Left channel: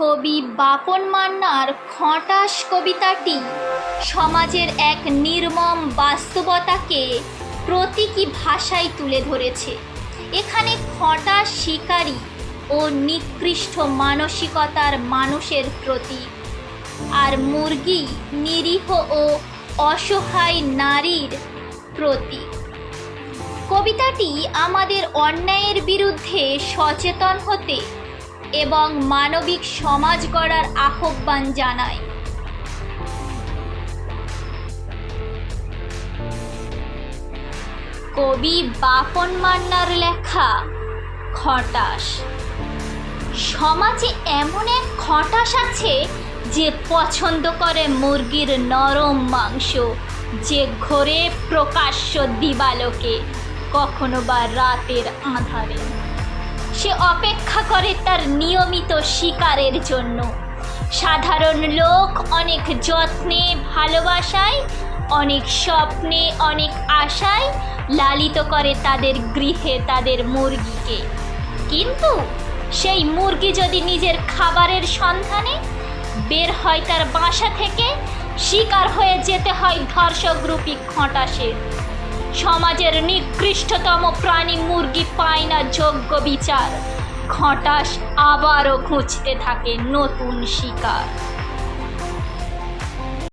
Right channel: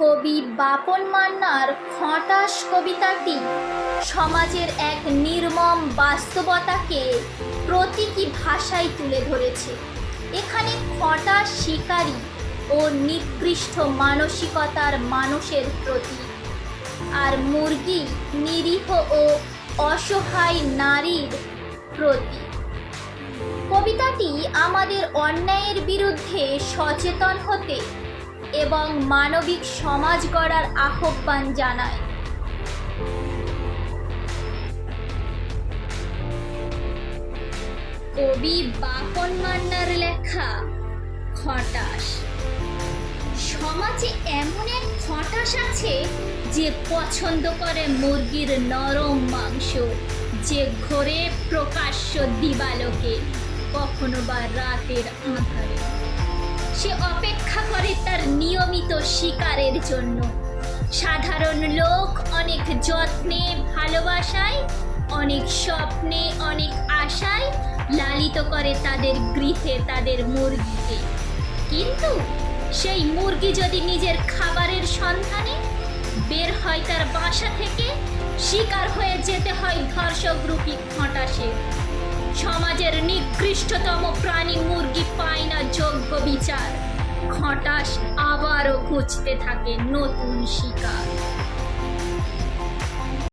কবি বাপন মান্নার খটাস কবিতাটি সমাজের এক নির্মম বাস্তবতাকে প্রতীকী ভাষায় তুলে ধরেছে। এখানে খটাস শিকারী ও নিকৃষ্ট মানসিকতার মানুষের প্রতীক, আর মুরগি নিরীহ ও অসহায় নারীর প্রতীক। কবিতাটি আমাদের অন্যায়ের বিরুদ্ধে সচেতন হতে এবং মানবিক সমাজ গড়ার আহ্বান জানায়। কবি বাপন মান্নার লেখা খটাস। সমাজে এমন এক খটাস আছে যে পছন্দ করে মুরগির নরম মাংস, যে ঘোরে প্রকাশ্য দিবালোকে, কখনো বা রাতের আঁধারে। সে অপেক্ষা করে তার নিয়মিত শিকারের জন্য। সাধারণ লোক অনেক যত্নে, ভালোবাসায়, অনেক স্বপ্নে, অনেক আশায় লালিত করে তাদের গৃহে তাদের মুরগিকে। কিন্তু সেই মুরগি যদি নিজের খাবারের সন্ধানে বের হয় তার বাসা থেকে, শিকার হয়ে যেতে হয় ধর্ষকরূপী খটাসের। সমাজের নিকৃষ্টতম প্রাণী মুরগি পায় না যোগ্য বিচার। খটাস আবারও খুঁজতে থাকে নতুন শিকার।